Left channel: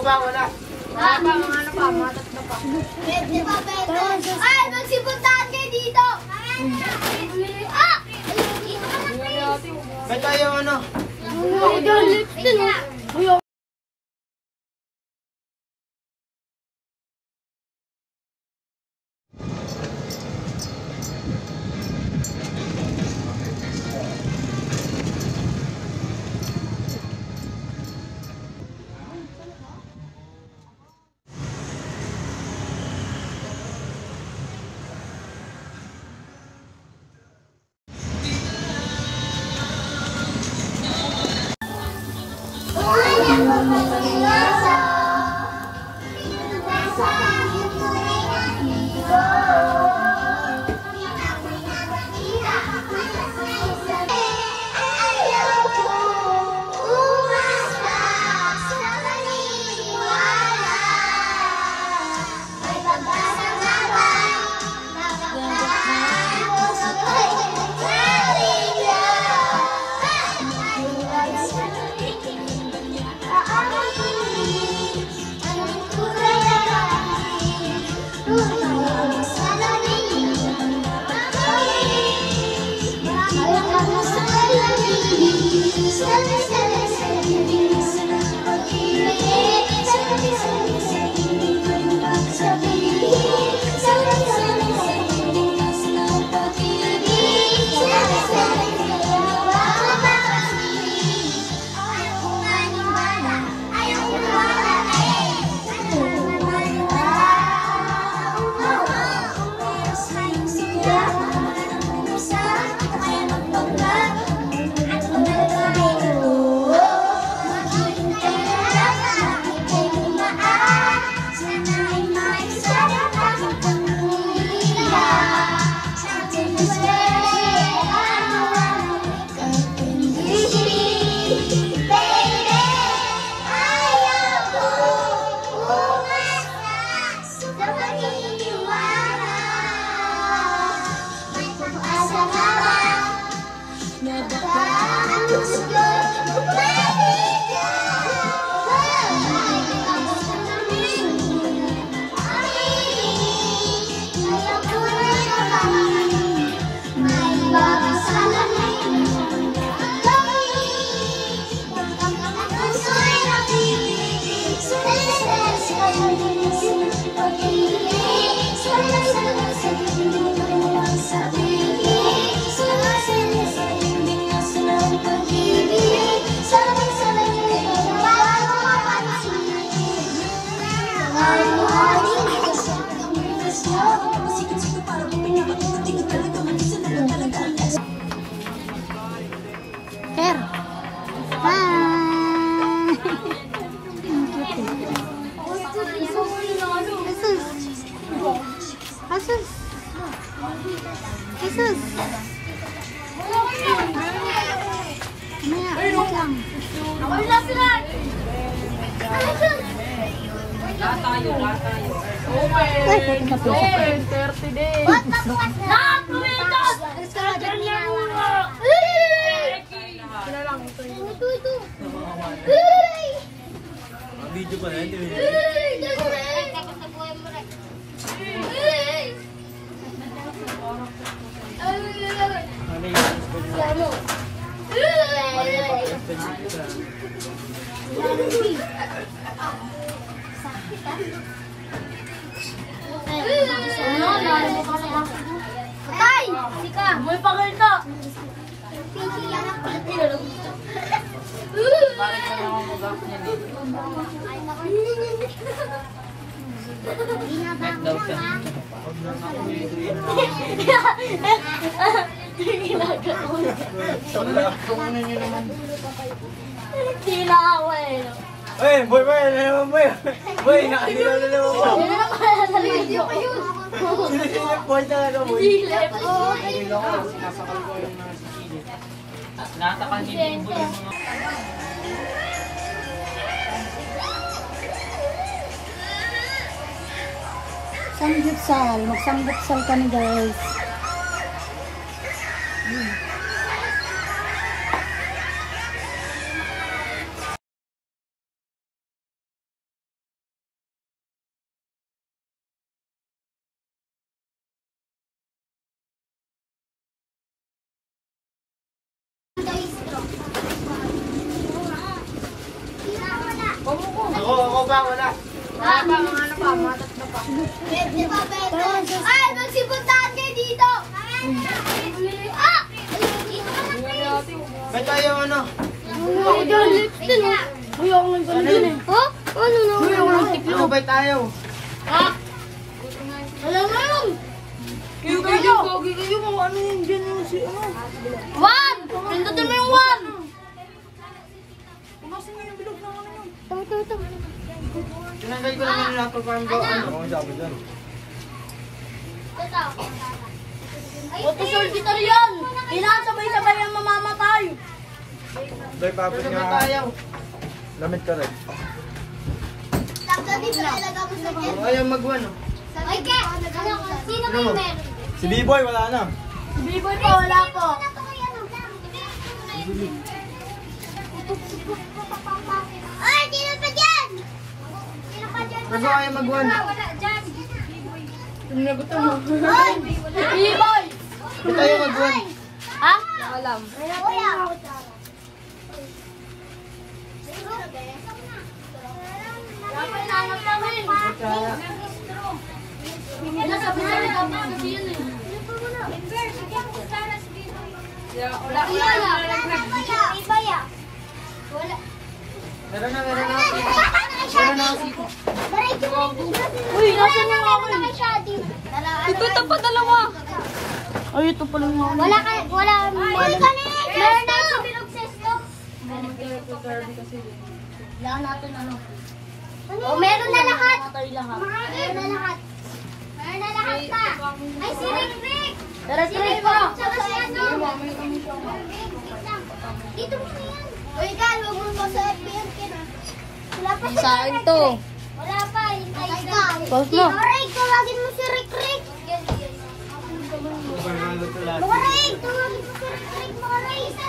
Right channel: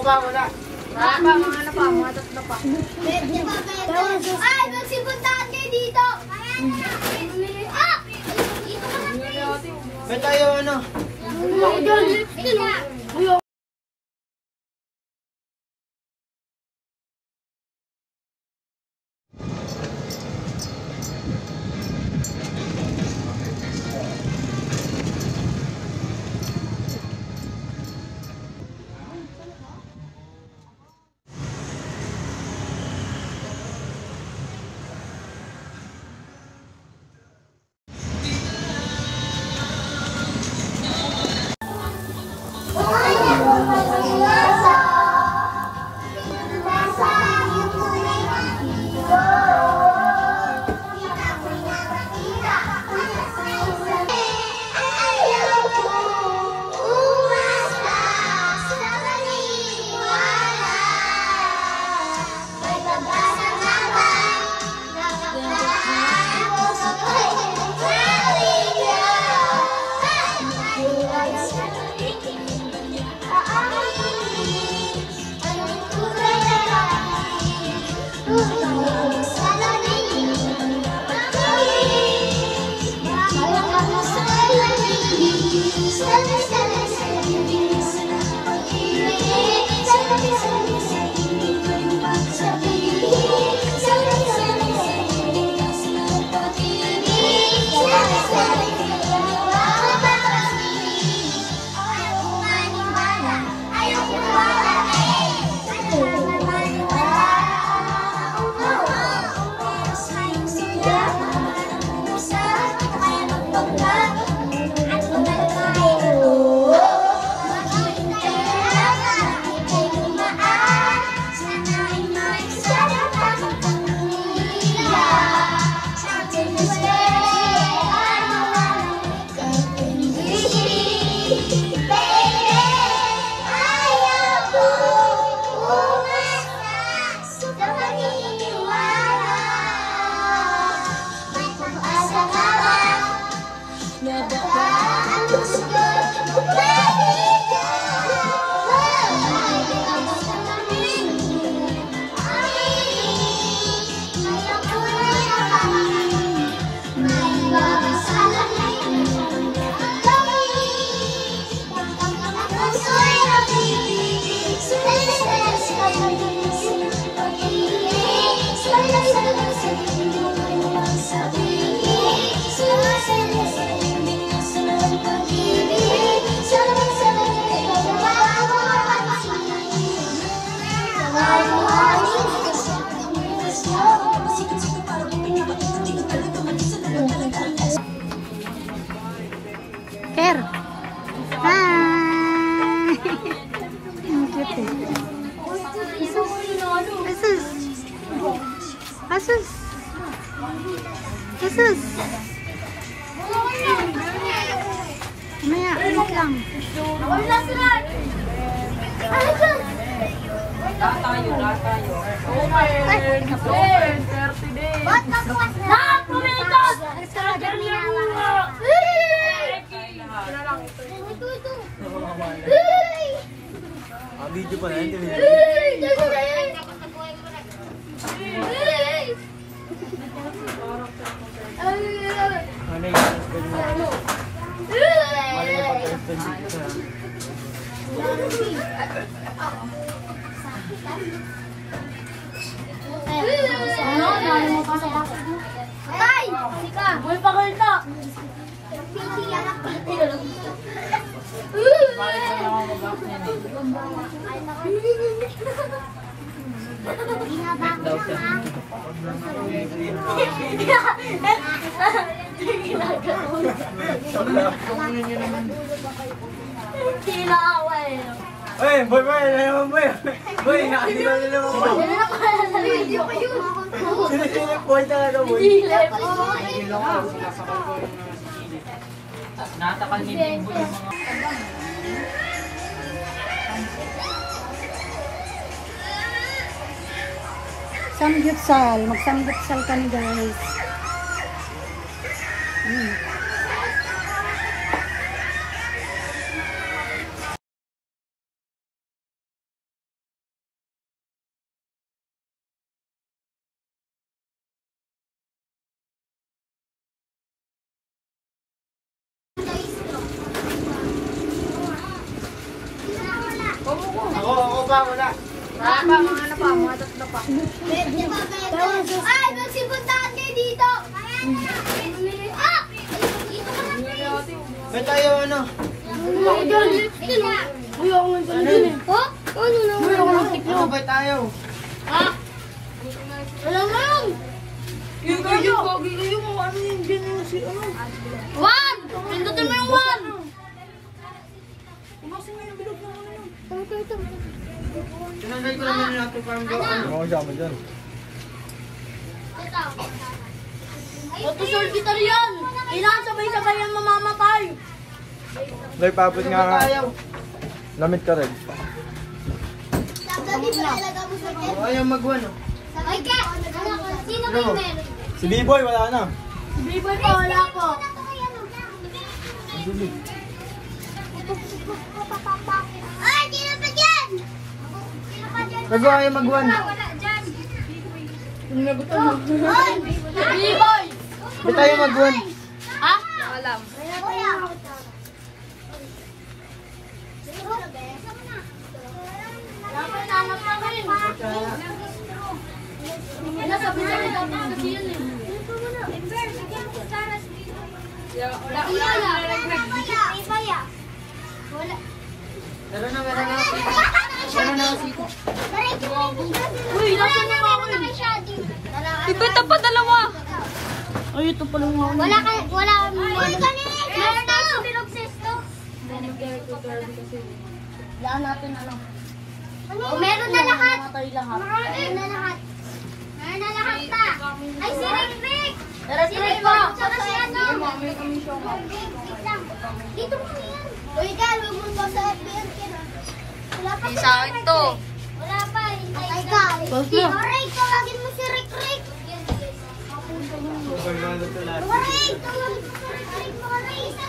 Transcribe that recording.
ba? Wala. Wala pa, ano pa, matat na pa. Pwede pa, pwede. Ay, magsipuntahan kayo dito. Ah! Dito ka na, please. Ba't tayo ano? Asus. Asus. Maya, wait lang. Wala sila. Ano dyan? Lahat tayo. Open! 30 days! Lahat pumitos! Video pa na yun. Ano yung Patay! Sika! Buhay pa kayo na! Bakit ka naman mag-up niyan eh? Tinaway! Hey, boy, boy, nakalilaw na lang ako. Ano na kaya sa video ko yun? Silip boy talaga, boy. Silip! Natakang hindi mo yung mga... Samgyupsal. Mag-samgyupsal kami, guys. ba? Wala. Bente pa, bente. Ay, magsipuntahan kayo dito. Ah! Dito ka na, please. May tayo ano? Uy, ako lang pala dun eh. Ha? Ano na? Uy, ako lang tiklo. Ano ba tayo? Ha? Wala na yun. Kayo, pogi kayo, mga ano yun, dyan yun si ano. One! Pindutin mo yung one! Umasin mo yung bilog ng ano yun. Ito. Tinagay ko naman nila ito parang gawa. Ano? Ito, soldier yan! Inasabay-sabay yan mamamatay! Dahil papit Ano nga ba nga. tayo? Lamit ka rin. Tapos di ba nalaga mo sa O, ayaw mag-one oh. Ay, Ke! Sino ba yung meron? Si B-Boy, wala na. Biboy po, wala po. Ay, sino pa dyan? Sino pa dyan? Bago ayaw mag-one. Wala dyan. Nagutom mo. Ay! Biboy! Ba't tayo mag-one? Ha? Alam. Wala. Dapat nangat namin. Wala, sabi-sabi dapat kasi yun eh. Wala. Iba ya. Wala. Meron na. Meron na kasi. Uy, nasa na ako na kay Shadi. Ito pa dalawa. Ay, ito pala nga ako. Wala. Uy, kanina. Meron na ako pinobsess to. Kailangan natin ano. Oh, meron na lahat. Meron na lahat. Meron na lahat pa. Ay, si Rick Rick. Si Rick po. Saka si ano. Dito mo na yan. Uy, Gal, huwag mo ba sa FBN kira? Wala pa Sa akin to. Wala pa. Hintay ka. Si Rick, tawagin mo si Rick Rick. Rick, tawagin mo si Rick. Mga Rick.